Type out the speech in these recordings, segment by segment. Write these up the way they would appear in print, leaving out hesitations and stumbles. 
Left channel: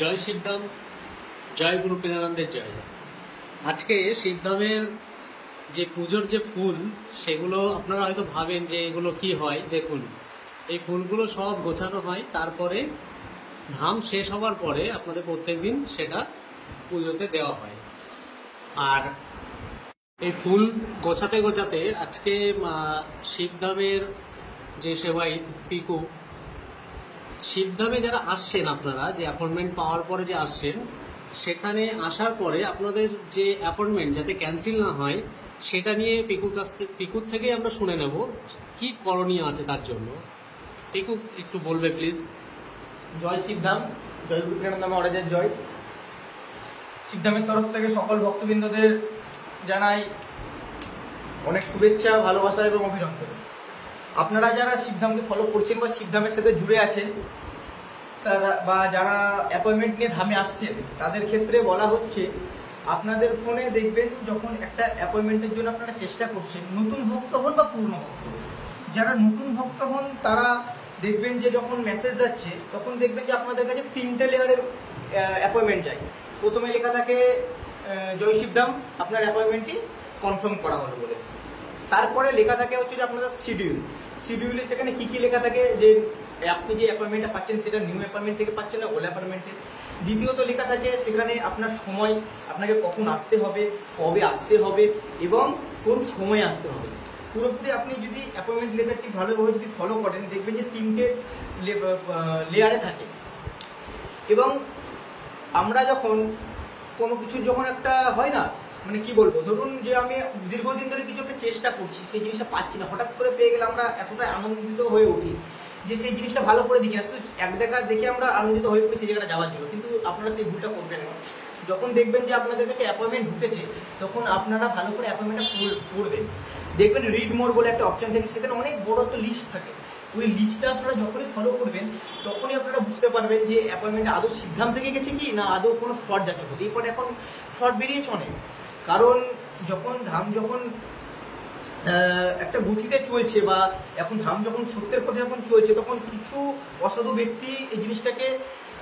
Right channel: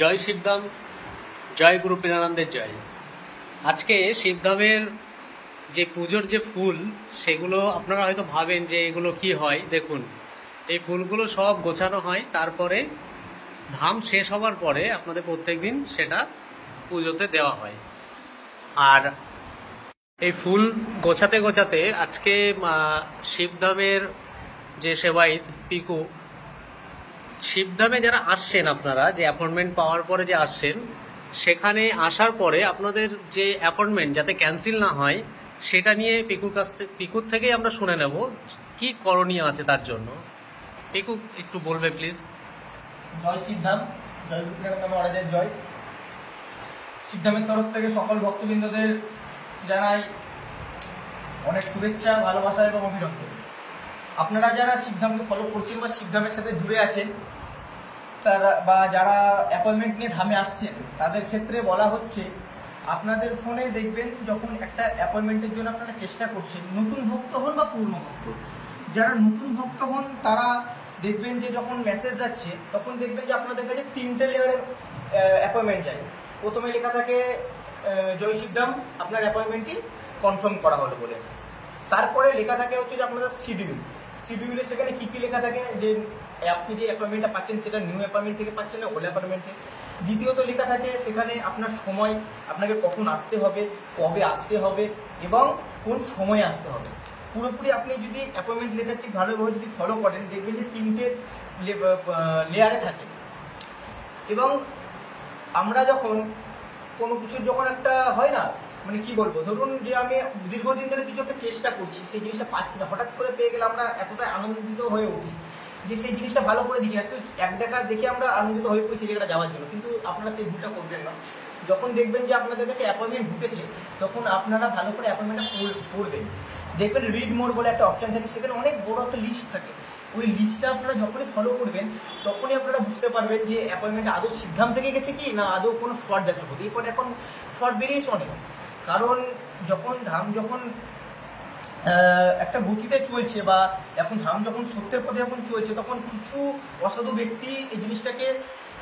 জয় শিবধাম, জয় গুরু প্রেমানন্দের জয়। আজকে শিবধামের যে পুজোর যে ফুল, সেগুলো আপনারা হয়তো ভাবেন যে এগুলো কি হয়। দেখুন, এই ফুলগুলো সব গোছানো হয়, তারপরে ধাম শেষ হওয়ার পরে আপনাদের প্রত্যেকদিন সেটা পুজোতে দেওয়া হয়। আর এই ফুল গোছাতে গোছাতে আজকে শিবধামের যে সেবায়িত পিকু, শিবধামে যারা আসছেন, আপনারা যে অ্যাপয়েন্টমেন্ট পাওয়ার পরে যে আসছেন, সেখানে আসার পরে আপনাদের যে অ্যাপয়েন্টমেন্ট যাতে ক্যান্সেল না হয়, সেটা নিয়ে পিকুর থেকেই আমরা শুনে নেব কি করণীয় আছে তার জন্য। পিকু একটু বলবে প্লিজ। জয় শিবধাম, জয় গুরু প্রেমানন্দ মহারাজের জয়। শিবধামের তরফ থেকে সকল ভক্তবৃন্দদের জানাই অনেক শুভেচ্ছা, ভালোবাসা এবং অভিনন্দন। আপনারা যারা শিবধামকে ফলো করছেন বা শিবধামের সাথে জুড়ে আছেন, তারা বা যারা অ্যাপয়েন্টমেন্ট নিয়ে ধামে আসছেন, তাদের ক্ষেত্রে বলা হচ্ছে আপনাদের ফোনে দেখবেন যখন একটা অ্যাপয়েন্টমেন্টের জন্য আপনারা চেষ্টা করছেন, নতুন ভক্ত হন বা পুরনো ভক্ত, যারা নতুন ভক্ত হন তারা দেখবেন যে যখন মেসেজ যাচ্ছে তখন দেখবেন যে আপনাদের কাছে 3টে লেয়ারের অ্যাপয়েন্টমেন্ট যায়। প্রথমে লেখা থাকে জয় শিবধাম, আপনার অ্যাপয়েন্টমেন্টটি কনফার্ম করা হলো বলে। তারপরে লেখা থাকে হচ্ছে যে আপনাদের শিডিউলে সেখানে কি কি লেখা থাকে, যে আপনি যে অ্যাপয়েন্টমেন্টটা পাচ্ছেন সেটা নিউ অ্যাপয়েন্টমেন্ট থেকে পাচ্ছেন না, ওল্ড অ্যাপয়েন্টমেন্টে। দ্বিতীয়ত লেখা থাকে সেখানে আপনার সময়, আপনাকে কখন আসতে হবে, কবে আসতে হবে এবং কোন সময় আসতে হবে। পুরোপুরি আপনি যদি অ্যাপয়েন্টমেন্ট লেটারটি ভালোভাবে যদি ফলো করেন, দেখবেন যে 3টে লেয়ারে থাকে। এবং আমরা যখন কোনো কিছু যখন একটা হয় না, মানে কি বলবো, ধরুন যে আমি দীর্ঘদিন ধরে কিছু একটা চেষ্টা করছি, সেই জিনিসটা পাচ্ছি না, হঠাৎ করে পেয়ে গেলে আমরা এতটাই আনন্দিত হয়ে উঠি যে সেই জিনিসটা ভালো করে দেখি না, শুধু এক দেখা দেখে আমরা আনন্দিত হয়ে পড়ি সেই জায়গাটা যাওয়ার জন্য। কিন্তু আপনারা সেই ভুলটা করবেন না। যখন দেখবেন যে আপনাদের কাছে অ্যাপয়েন্টমেন্ট ঢুকেছে, তখন আপনারা ভালো করে অ্যাপয়েন্টমেন্টটা পড়বেন। দেখবেন রিড মোর বলে একটা অপশন থাকে, সেখানে অনেক বড় একটা লিস্ট থাকে। ওই লিস্টটা আপনারা যখনই ফলো করবেন, তখনই আপনারা বুঝতে পারবেন যে অ্যাপয়েন্টমেন্ট আদৌ সিদ্ধাম থেকে গেছে কি না আদৌ কোনো ফ্রড যাচ্ছে। হতেই পারে এখন ফ্রড বেরিয়েছে অনেক, কারণ যখন ধাম যখন একটা গতিতে চলছে বা এখন ধাম যখন সত্যের পথে যখন চলছে, তখন কিছু অসাধু ব্যক্তি এই জিনিসটাকে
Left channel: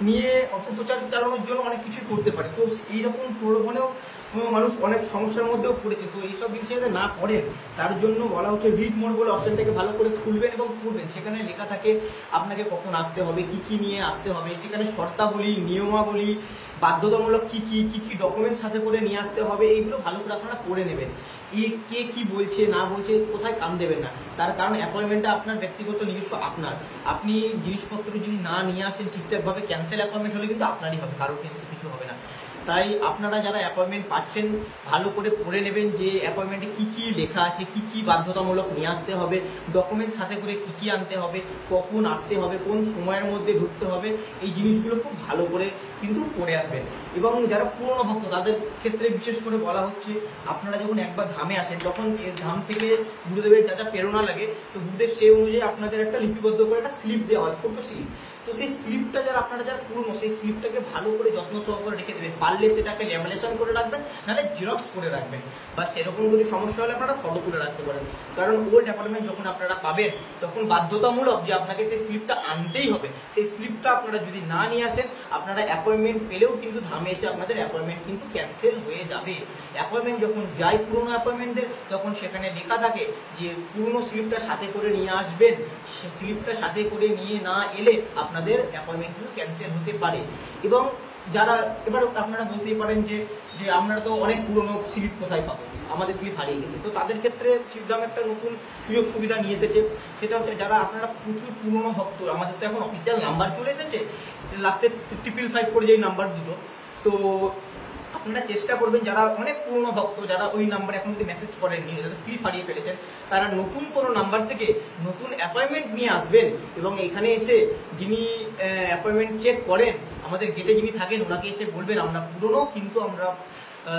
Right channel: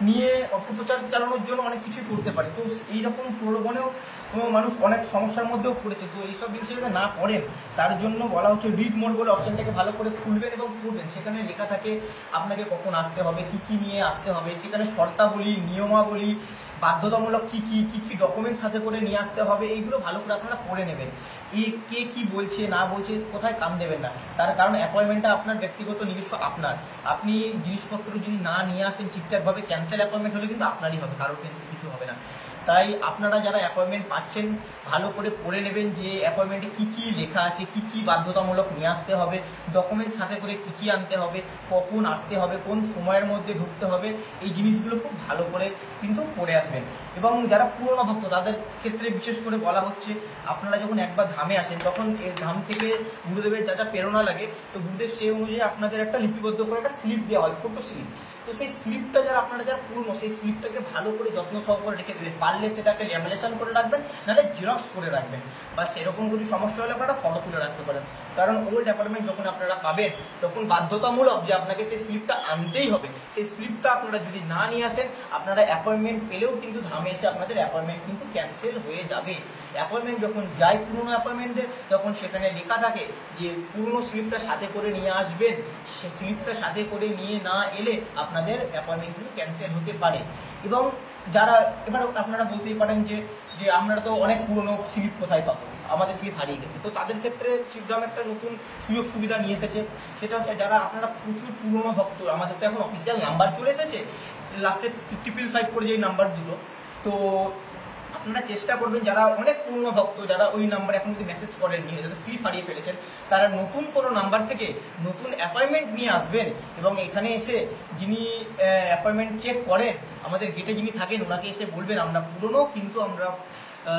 নিয়ে অপপ্রচার চালানোর জন্য অনেক কিছুই করতে পারে। তো এইরকম প্রলোভনেও মানুষ অনেক সমস্যার মধ্যেও পড়েছে। তো এইসব জিনিস যাতে না পড়েন, তার জন্য বলা হচ্ছে রিড মোর বলে অপশনটাকে ভালো করে খুলবেন এবং পড়বেন। সেখানে লেখা থাকে আপনাকে কখন আসতে হবে, কি কি নিয়ে আসতে হবে, সেখানে শর্তাবলী, নিয়মাবলী, বাধ্যতামূলক কি কি ডকুমেন্ট সাথে করে নিয়ে আসতে হবে, এইগুলো ভালো করে আপনারা পড়ে নেবেন। কে কি বলছে না বলছে কোথায় কান দেবেন না, তার কারণ অ্যাপয়েন্টমেন্টটা আপনার ব্যক্তিগত নিজস্ব আপনার। আপনি জিনিসপত্র যদি না নিয়ে আসেন ঠিকঠাকভাবে, ক্যান্সেল অ্যাপয়েন্টমেন্ট হলে কিন্তু আপনারই হবে, কারোর কিন্তু কিছু হবে না। তাই আপনারা যারা অ্যাপয়েন্টমেন্ট পাচ্ছেন, ভালো করে পড়ে নেবেন যে অ্যাপয়েন্টমেন্টে কি কি লেখা আছে, কি কি বাধ্যতামূলক নিয়ে আসতে হবে, ডকুমেন্ট সাথে করে কি কি আনতে হবে, কখন আসতে হবে, কোন সময়ের মধ্যে ঢুকতে হবে, এই জিনিসগুলো খুব ভালো করে কিন্তু পড়ে আসবেন। এবং যারা পুরনো ভক্ত, তাদের ক্ষেত্রে বিশেষ করে বলা হচ্ছে আপনারা যখন একবার ধামে আসেন, তখন এই ধাম থেকে গুরুদেবের যা যা প্রেরণা লাগে, তো গুরুদেব সেই অনুযায়ী আপনাদের একটা লিপিবদ্ধ করে একটা স্লিপ দেওয়া হয়, ছোট স্লিপ। তো সেই স্লিপটা আপনারা যারা পুরনো, সেই স্লিপটাকে ভালো করে যত্ন সহকারে রেখে দেবেন। পারলে সেটাকে ল্যামিনেশন করে রাখবেন, নাহলে জেরক্স করে রাখবেন, বা সেরকম যদি সমস্যা হলে আপনারা ফটো তুলে রাখতে পারেন। কারণ ওল্ড অ্যাপয়েন্টমেন্ট যখন আপনারা পাবেন, তখন বাধ্যতামূলক যে আপনাকে সেই স্লিপটা আনতেই হবে। সেই স্লিপটা আপনারা যদি না নিয়ে আসেন, আপনারা অ্যাপয়েন্টমেন্ট পেলেও কিন্তু ধামে এসে আপনাদের অ্যাপয়েন্টমেন্ট কিন্তু ক্যান্সেল হয়ে যাবে। অ্যাপয়েন্টমেন্ট যখন যায় পুরনো অ্যাপয়েন্টমেন্টের, তখন সেখানে লেখা থাকে যে পুরনো স্লিপটা সাথে করে নিয়ে আসবেন। স্লিপটা সাথে করে নিয়ে না এলে আপনাদের অ্যাপয়েন্টমেন্ট কিন্তু ক্যান্সেল হতে পারে। এবং যারা এবার আপনারা বলতেই পারেন যে আমরা তো অনেক পুরনো স্লিপ কোথায় পাবো, আমাদের স্লিপ হারিয়ে গেছে। তো তাদের ক্ষেত্রে শিবধাম একটা নতুন সুযোগ সুবিধা নিয়ে এসেছে। সেটা হচ্ছে যারা আপনারা প্রচুর পুরনো ভক্ত, আমাদের তো এখন অফিসিয়াল নাম্বার চলে এসেছে, লাস্টে 555 করে যেই নাম্বার দিল, তো আপনারা চেষ্টা করবেন যারা অনেক পুরনো ভক্ত, যারা ওই নাম্বার এখন যদি মেসেজ করেননি, যাদের স্লিপ হারিয়ে ফেলেছেন, তারা নতুন কোনো নাম্বার থেকে নতুন অ্যাপয়েন্টমেন্ট নিয়ে আসবেন। এবং এখানে এসে যিনি অ্যাপয়েন্টমেন্ট চেক করেন, আমাদের গেটে যিনি থাকেন, ওনাকে এসে বলবেন আমরা পুরনো, কিন্তু আমরা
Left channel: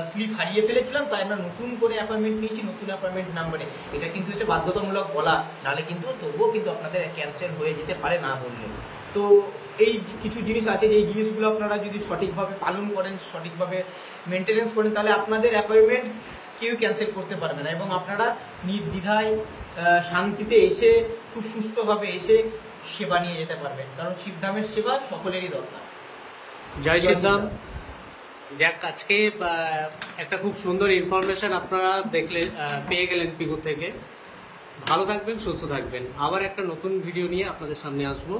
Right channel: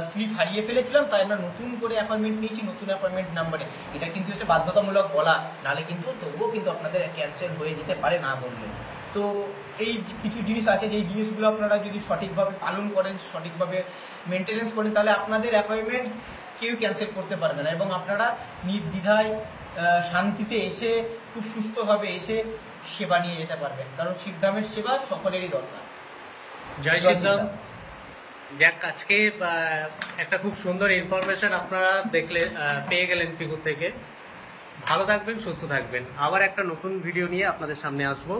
স্লিপ হারিয়ে ফেলেছিলাম, তাই আমরা নতুন করে অ্যাপয়েন্টমেন্ট নিয়েছি, নতুন অ্যাপয়েন্টমেন্ট নাম্বারে। এটা কিন্তু এসে বাধ্যতামূলক বলা, নাহলে কিন্তু তবুও কিন্তু আপনাদের ক্যান্সেল হয়ে যেতে পারে না বললে। তো এই কিছু জিনিস আছে, যে এই জিনিসগুলো আপনারা যদি সঠিকভাবে পালন করেন, সঠিকভাবে মেনটেনেন্স করেন, তাহলে আপনাদের অ্যাপয়েন্টমেন্ট কেউ ক্যান্সেল করতে পারবে না। এবং আপনারা নির্দ্বিধায় শান্তিতে এসে, খুব সুস্থভাবে এসে সেবা নিয়ে যেতে পারবেন। কারণ শিবধামের সেবা সকলেরই দরকার। জয় সিদ্ধাম। যাক, আজকে একটা খুব সুন্দর ইনফরমেশন আপনারা পেয়ে গেলেন পিকুর থেকে। ভালো থাকবেন, সুস্থ থাকবেন। আবার একটা নতুন ভিডিও নিয়ে আপনাদের সামনে আসবো।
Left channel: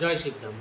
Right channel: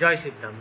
জয় সিদ্ধাম।